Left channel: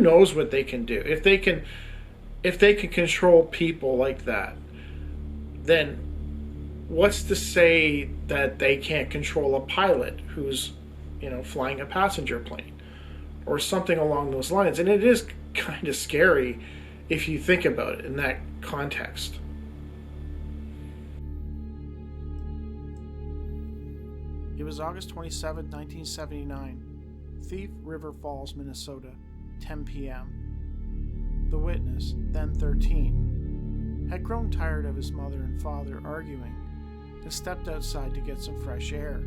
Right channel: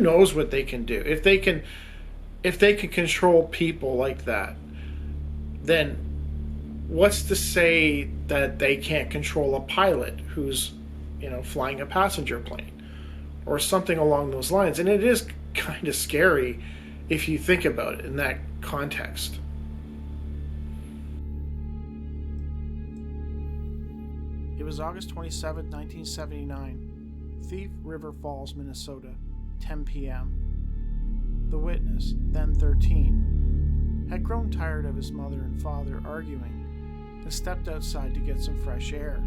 who knows what they can do? If they can control people like that, then what's to say that they can't control a pilot who's, flying a passenger plane or something along those lines? And it is kind of scary if you think about it in that context. It was August 27, 1979, Thief River Falls, Minnesota, 10 p.m. The witness, then 13, had grown tired of his mother and father arguing and stepped outside to get some fresh air.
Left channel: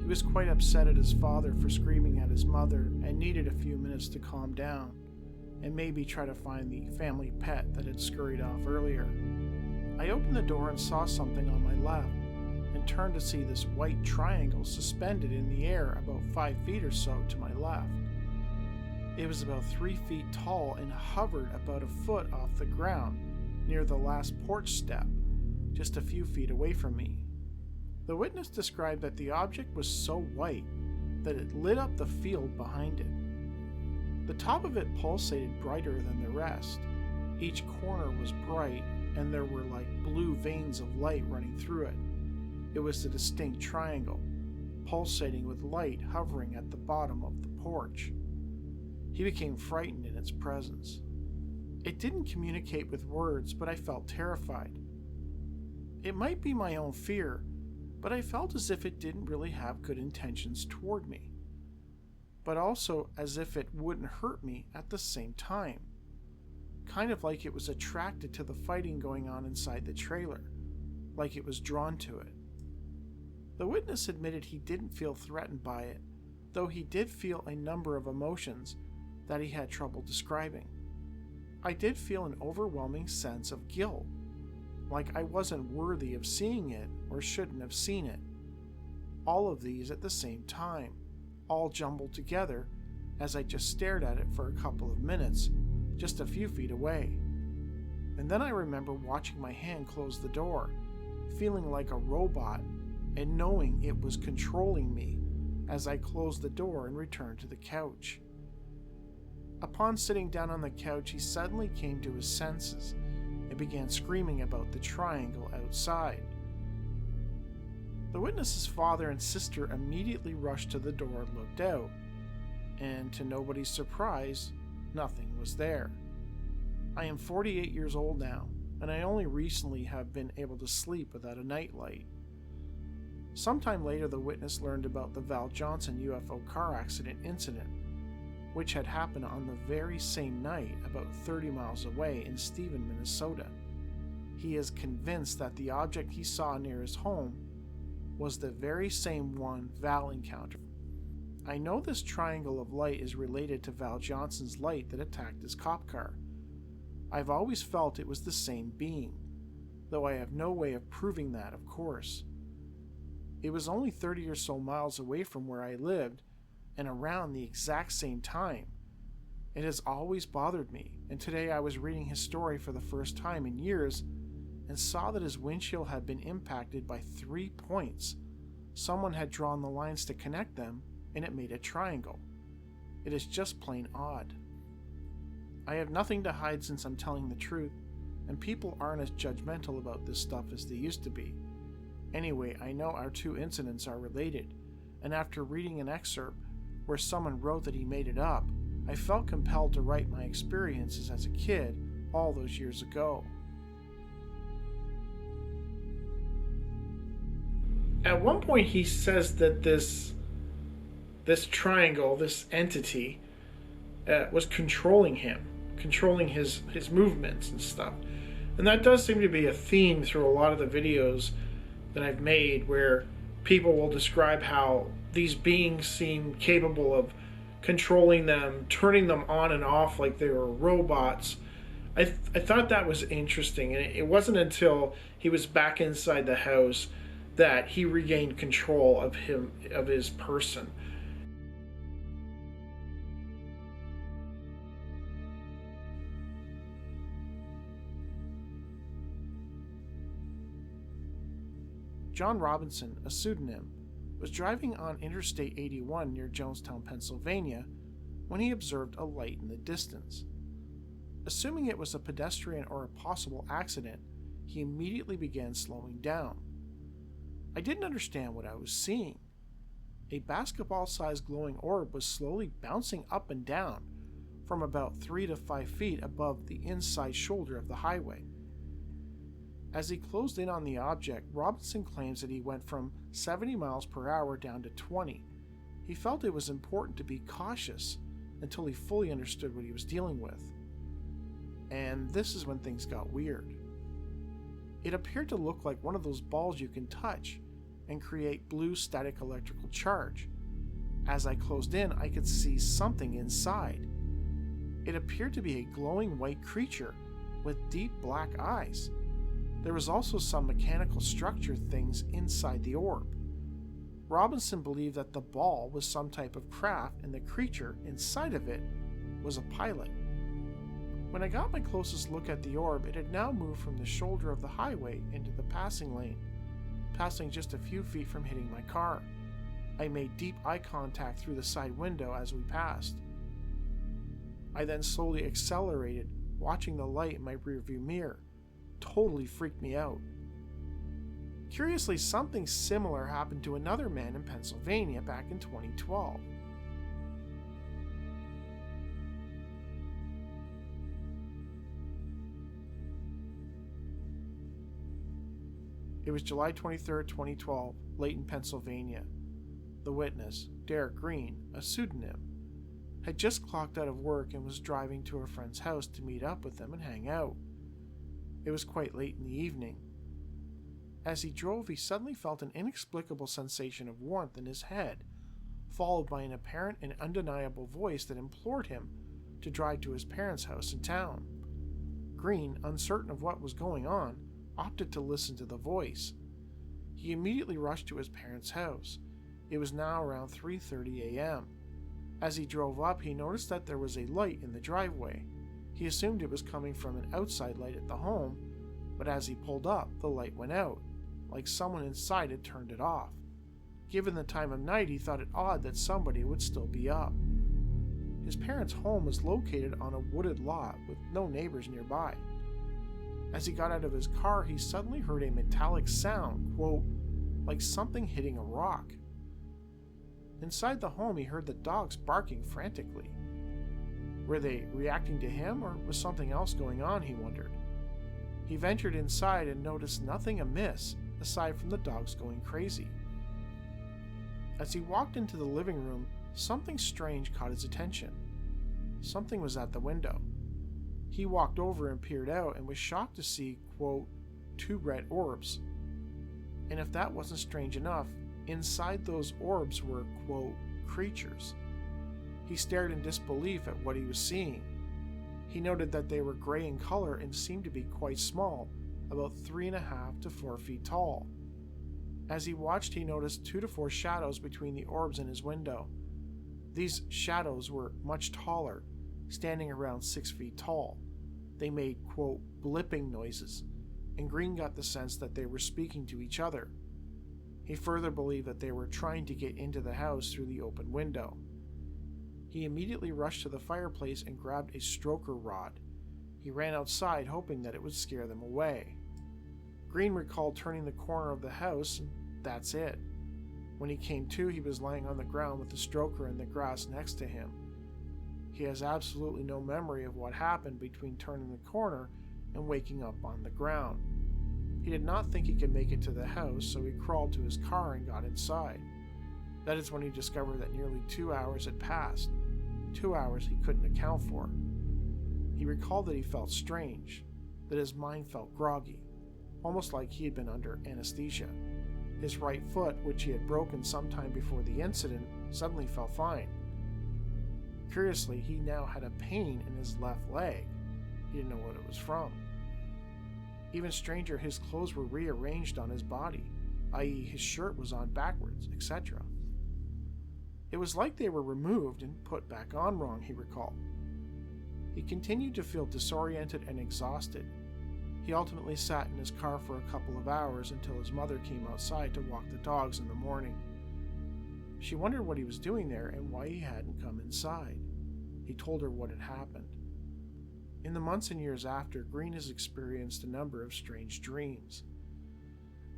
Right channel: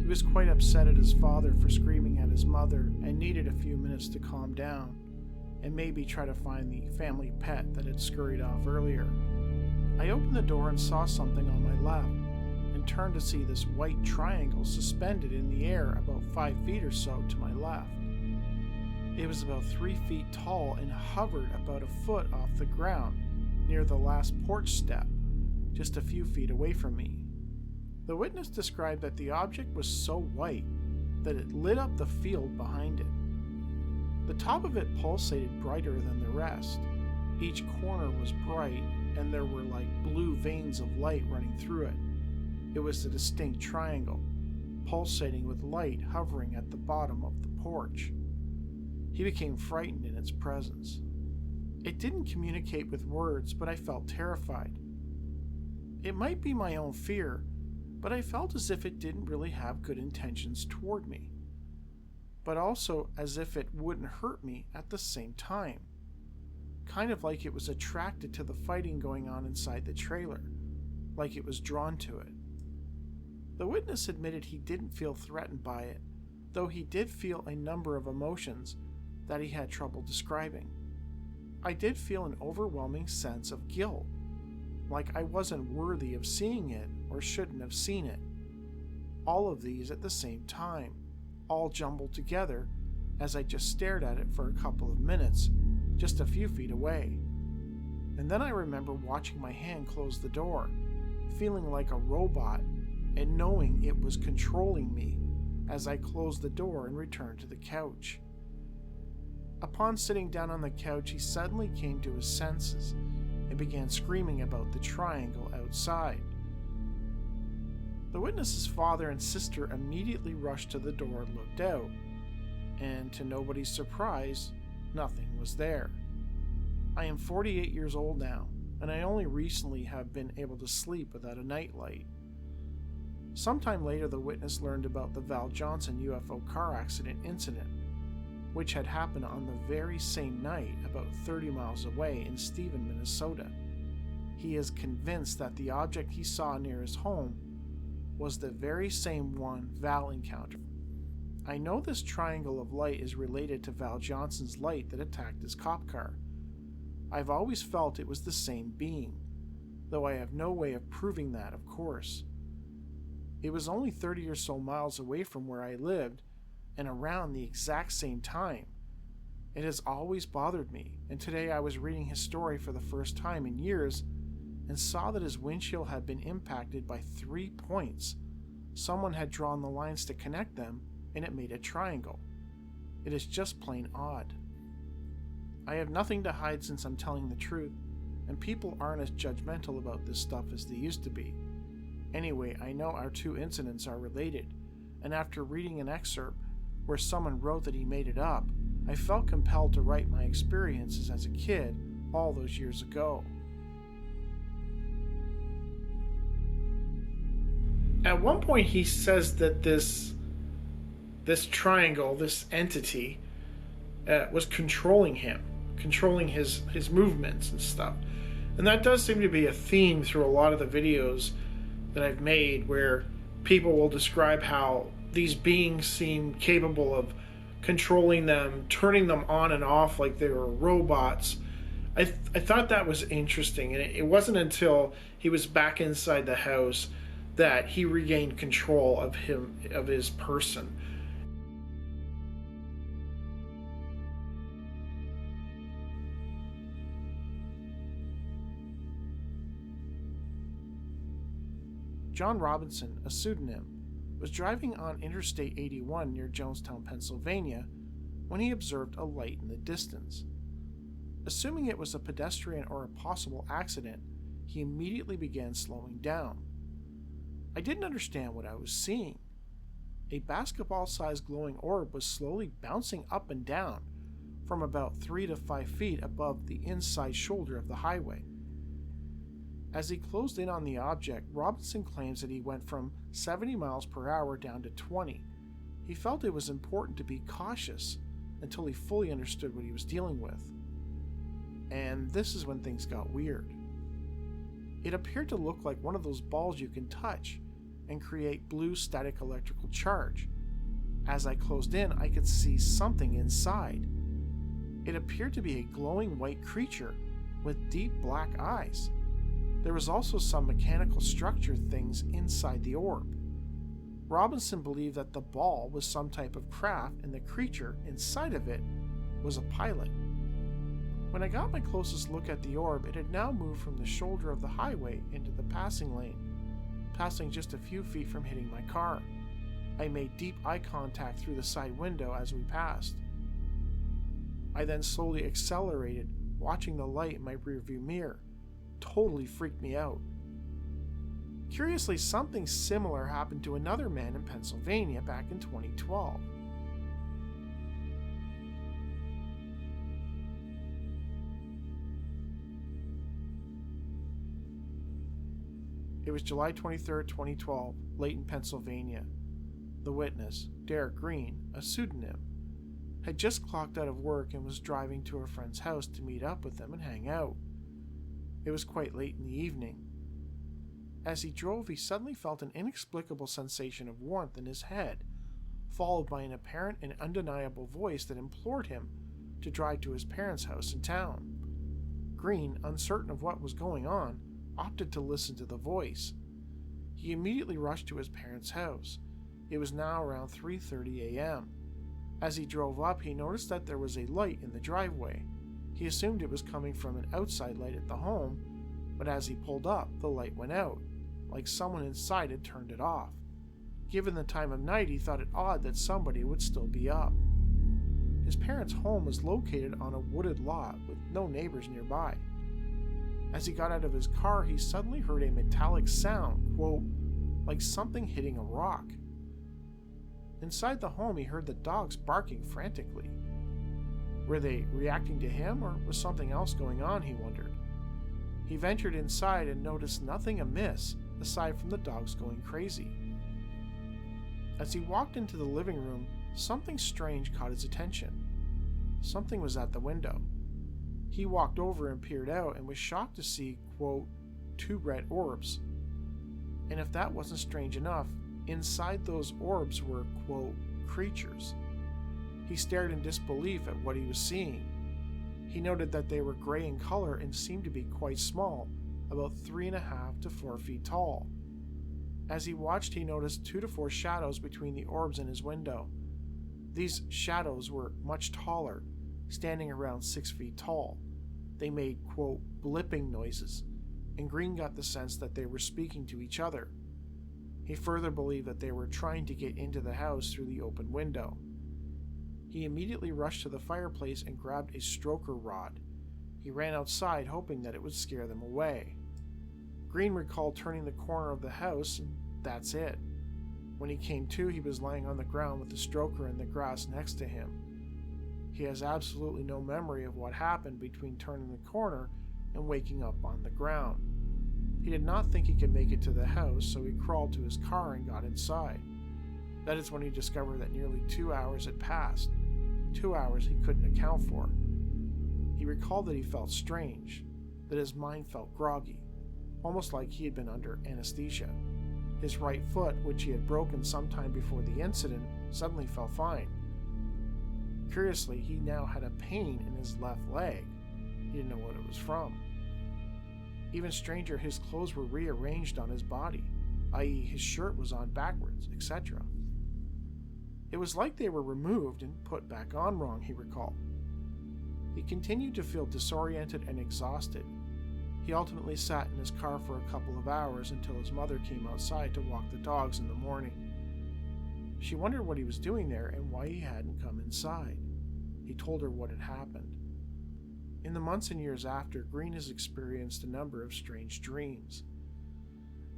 He was quite upset at his father for screaming at his mother and needed a few minutes to calm down and maybe try to find the family pet that had scurried off earlier. I opened the door and saw something on my left and turned to see this white triangle suspended in the air about 5 feet or so to my left. It was about 3 feet tall and hovered about a foot off the ground near the last porch step, just a few feet away from me. The witness described that the object was so white that it lit up the field behind it. The top of it pulsated brighter than the rest. Each corner was bright, and there were like blue veins of light running through it. It was a distinct triangle, pulsating with light hovering at the bottom of the porch. He became frightened in its presence. It didn't communicate with words, but I felt terrified. It might be my own fear, but I felt as if it didn't really have good intentions toward me, but also as if it wouldn't hurt me at the same time. Kind of like it was attracted to the fighting going on inside the trailer, like it was drawn to it. The witness admitted he didn't feel threatened by it, though he did feel a number of emotions that he had trouble describing. I did feel an overwhelming sense of guilt, like I wasn't worthy of seeing it or shouldn't have seen it. All of these at the same time, all jumbled together as I just stared at it for a couple of minutes, just a few feet away. And then I remember watching my hand close the door, feeling like a robot and knowing it was controlling me as I closed the door and returned to the couch. Upon sitting down on the couch, he suddenly came to his senses and began screaming about the triangle outside. The witness's father and sister immediately rushed to the door and looked out, and to nobody's surprise, nothing was there. I am 48 years old now, and I only recently have been able to sleep without a nightlight. Sometime later, the witness learned about the Val Johnson UFO car accident incident, which had happened on the very same night about 30 miles away in Stephen, Minnesota. He is convinced that the object he saw near his home was the very same one Val encountered. I know this triangle of light is related to Val Johnson's light that attacked his cop car. I've always felt it was the same being, though I have no way of proving that, of course. It was only 30 or so miles away from where I lived, and around the exact same time. It has always bothered me, and today I was reading his story for the first time in years and saw that his windshield had been impacted by 3 points. Someone had drawn the lines to connect them, and it made a triangle. It is just plain odd. I have nothing to hide since I'm telling the truth, and people aren't as judgmental about this stuff as they used to be. Anyway, I know our two incidents are related, and after reading an excerpt where someone wrote that he made it up, I felt compelled to write my experiences as a kid all those years ago. At one point he says that this triangle, this entity, was controlling him, controlling his movements and stuff. And that does seem to be a theme through a lot of the videos that I've made, where people will describe how these beings seem capable of controlling them, turning them on and off like they were robots. I thought that was interesting, and it wasn't until he was back inside the house that he regained control of his person. John Robinson, a pseudonym, was driving on Interstate 81 near Jonestown, Pennsylvania, when he observed a light in the distance. Assuming it was a pedestrian or a possible accident, he immediately began slowing down. I didn't understand what I was seeing. A basketball-sized glowing orb was slowly bouncing up and down from about 3 to 5 feet above the inside shoulder of the highway. As he closed in on the object, Robinson claims that he went from 70 miles per hour down to 20. He felt it was important to be cautious until he fully understood what he was dealing with. And this is when things got weird. It appeared to look like one of those balls you can touch and create blue static electrical charge. As I closed in, I could see something inside. It appeared to be a glowing white creature with deep black eyes. There was also some mechanical structure things inside the orb. Robinson believed that the ball was some type of craft and the creature inside of it was a pilot. When I got my closest look at the orb, it had now moved from the shoulder of the highway into the passing lane, passing just a few feet from hitting my car. I made deep eye contact through the side window as we passed. I then slowly accelerated, watching the light in my rearview mirror. Totally freaked me out. Curiously, something similar happened to another man in Pennsylvania back in 2012. It was July 23, 2012, Layton, Pennsylvania. The witness, Derek Green, a pseudonym, had just clocked out of work and was driving to a friend's house to meet up with them and hang out. It was quite late in the evening. As he drove, he suddenly felt an inexplicable sensation of warmth in his head, followed by an apparent and undeniable voice that implored him to drive to his parents' house in town. Green, uncertain of what was going on, opted to listen to the voice. He immediately rushed to his parents' house. It was now around 3:30 a.m. As he drove up, he noticed that there was a light in the driveway. He assumed it was coming from an outside light at the home, but as he pulled up, the light went out, like someone inside had turned it off. Given the time of night, he thought it odd that somebody would still be up. His parents' home was located on a wooded lot with no neighbors nearby. As he got out of his car, he suddenly heard a metallic sound, quote, like something hitting a rock. Inside the home, he heard the dogs barking frantically. Were they reacting to him, or was something else going on, he wondered. He ventured inside and noticed nothing amiss aside from the dogs going crazy. As he walked into the living room, something strange caught his attention. Something was at the window. He walked over and peered out and was shocked to see, quote, 2 red orbs. And if that wasn't strange enough, inside those orbs were, quote, creatures. He stared in disbelief at what he was seeing. He noted that they were gray in color and seemed to be quite small, about 3.5 to 4 feet tall. As he watched, he noticed 2 to 4 shadows between the orbs in his window. These shadows were much taller, standing around 6 feet tall. They made, quote, blipping noises, and Green got the sense that they were speaking to each other. He further believed that they were trying to get into the house through the open window. He immediately rushed to the fireplace and grabbed a stroker rod. He ran outside, hoping that it would scare them away. Green recalled turning the corner of the house, and that's it. When he came to, he was lying on the ground with the stroker in the grass next to him. He has absolutely no memory of what happened between turning the corner and waking up on the ground. He did not think he could make it to the house, so he crawled to his car and got inside. That is when he discovered that nearly 2 hours had passed. 2 hours he couldn't account for. He recalled that he felt strange, that his mind felt groggy, almost like he had been under anesthesia. His right foot, which he had broken sometime before the incident, suddenly felt fine. Curiously, he now had a pain in his left leg. He didn't know what it was from. Even stranger, his clothes were rearranged on his body, i.e. his shirt was on backwards, etc. It was like they were removed and put back on wrong, he recalled. He continued to feel disoriented and exhausted. He ultimately sat in his car for a couple of hours until his mother came outside to walk the dogs in the morning. She wondered what he was doing there and why he hadn't come inside. he told her what had happened. In the months and years after, Green has experienced a number of strange dreams.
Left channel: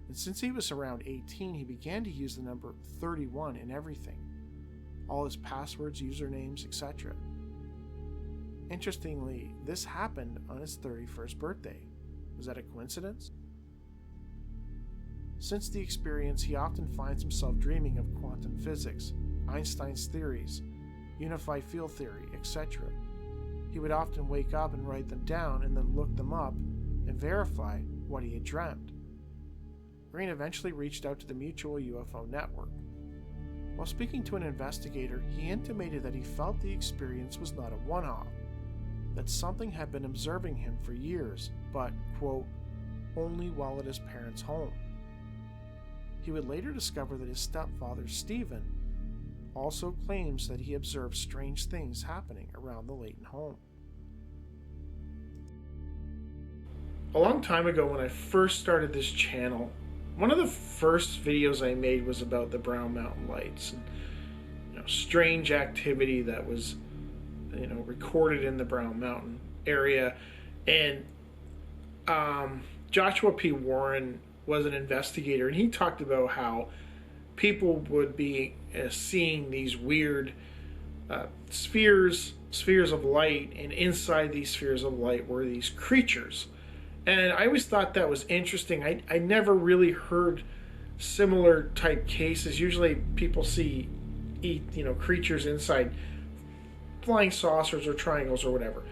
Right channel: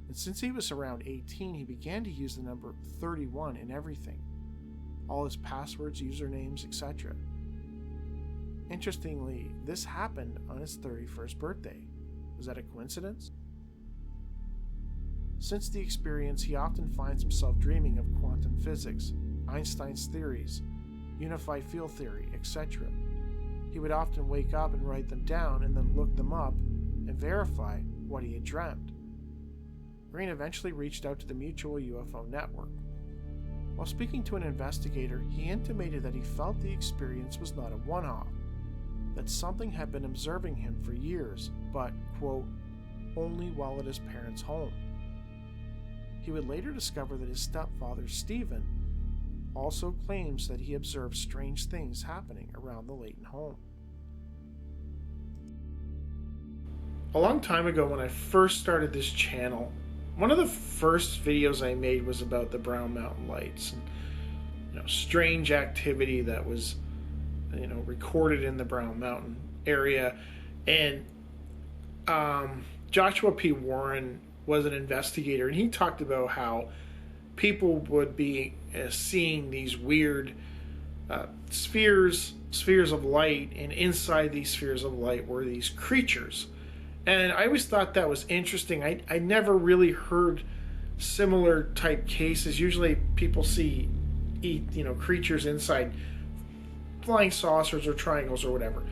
And since he was around 18, he began to use the number 31 in everything. All his passwords, usernames, etc. Interestingly, this happened on his 31st birthday. Was that a coincidence? Since the experience, he often finds himself dreaming of quantum physics, Einstein's theories, unified field theory, etc. He would often wake up and write them down and then look them up and verify what he had dreamt. Green eventually reached out to the Mutual UFO Network. While speaking to an investigator, he intimated that he felt the experience was not a one-off, that something had been observing him for years, but, quote, only while at his parents' home. He would later discover that his stepfather, Stephen, also claims that he observed strange things happening around the Layton home. A long time ago, when I first started this channel, one of the first videos I made was about the Brown Mountain Lights and strange activity that was recorded in the Brown Mountain area. And Joshua P. Warren was an investigator, and he talked about how people would be seeing these weird spheres of light, and inside these spheres of light were these creatures. And I always thought that was interesting. I never really heard similar type cases. Usually people see creatures inside flying saucers or triangles or whatever,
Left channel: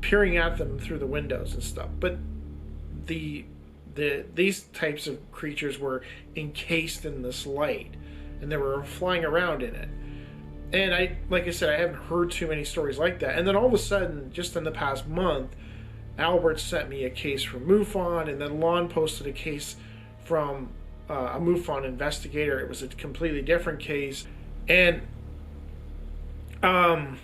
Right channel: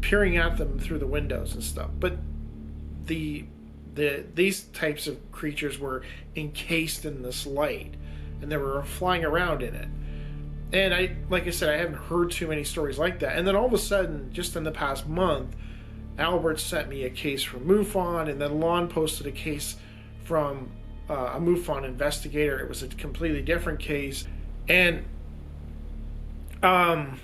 peering at them through the windows and stuff. But these types of creatures were encased in this light, and they were flying around in it. And like I said, I haven't heard too many stories like that. And then all of a sudden, just in the past month, Albert sent me a case from MUFON, and then Lon posted a case from a MUFON investigator. It was a completely different case. And I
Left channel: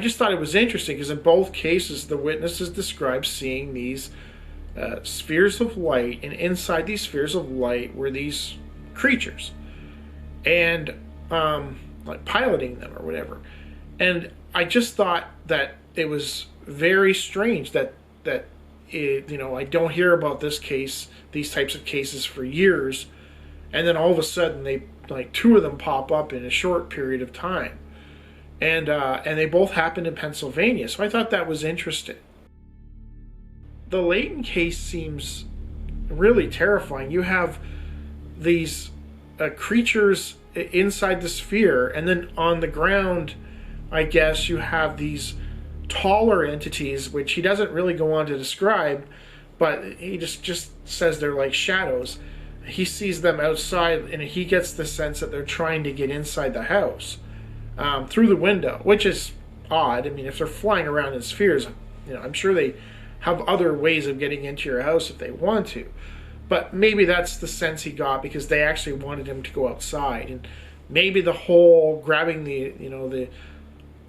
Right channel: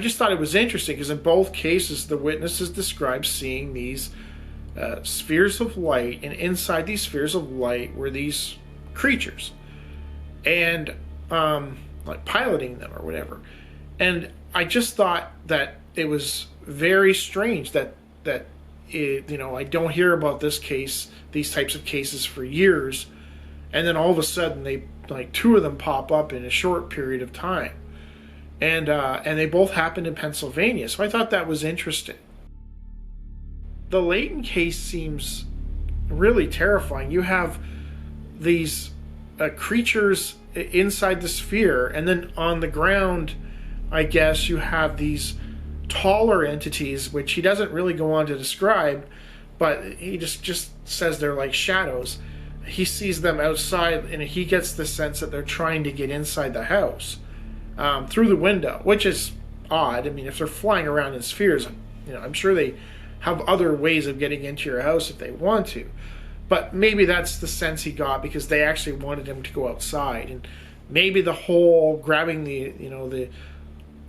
just thought it was interesting because in both cases, the witnesses described seeing these spheres of light, and inside these spheres of light were these creatures, and like piloting them or whatever. And I just thought that it was very strange that I don't hear about these types of cases for years, and then all of a sudden two of them pop up in a short period of time. And they both happened in Pennsylvania. So I thought that was interesting. The Layton case seems really terrifying. You have these creatures inside the sphere, and then on the ground, I guess, you have these taller entities, which he doesn't really go on to describe, but he just says they're like shadows. He sees them outside, and he gets the sense that they're trying to get inside the house. Through the window, which is odd. I mean, if they're flying around in spheres, I'm sure they have other ways of getting into your house if they want to. But maybe that's the sense he got because they actually wanted him to go outside. And maybe the whole grabbing the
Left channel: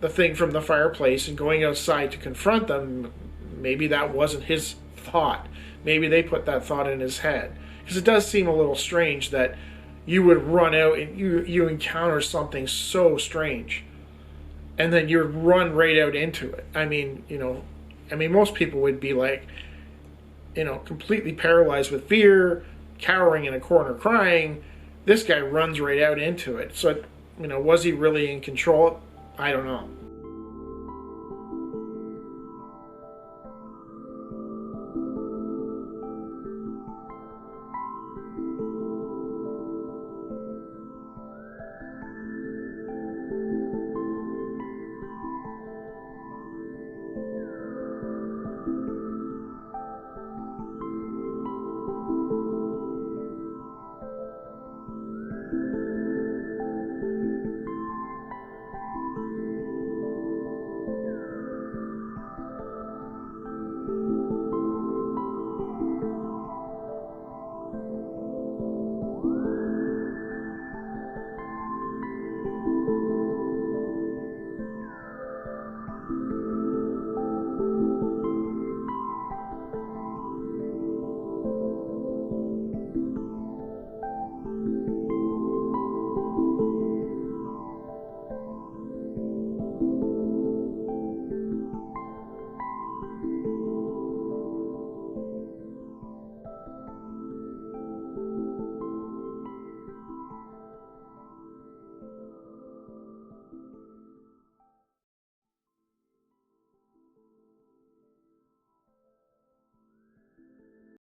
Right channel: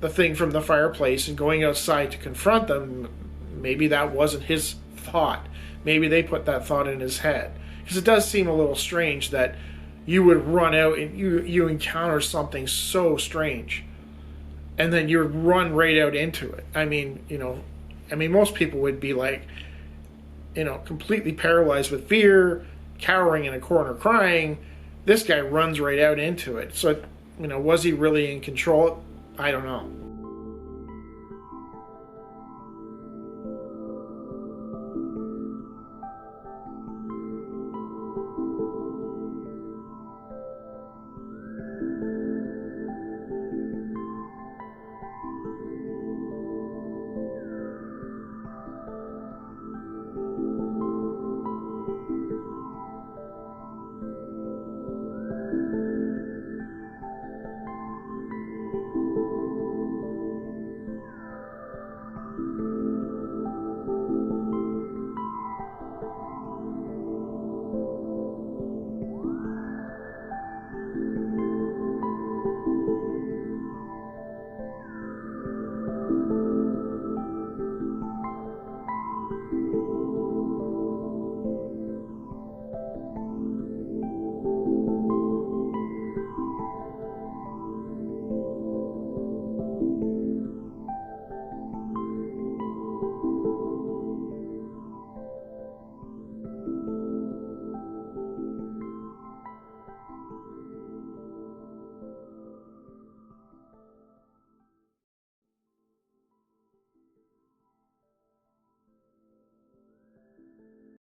thing from the fireplace and going outside to confront them, maybe that wasn't his thought. Maybe they put that thought in his head. Because it does seem a little strange that you would run out and you encounter something so strange, and then you run right out into it. I mean, most people would be like, completely paralyzed with fear, cowering in a corner crying. This guy runs right out into it. So, was he really in control? I don't know.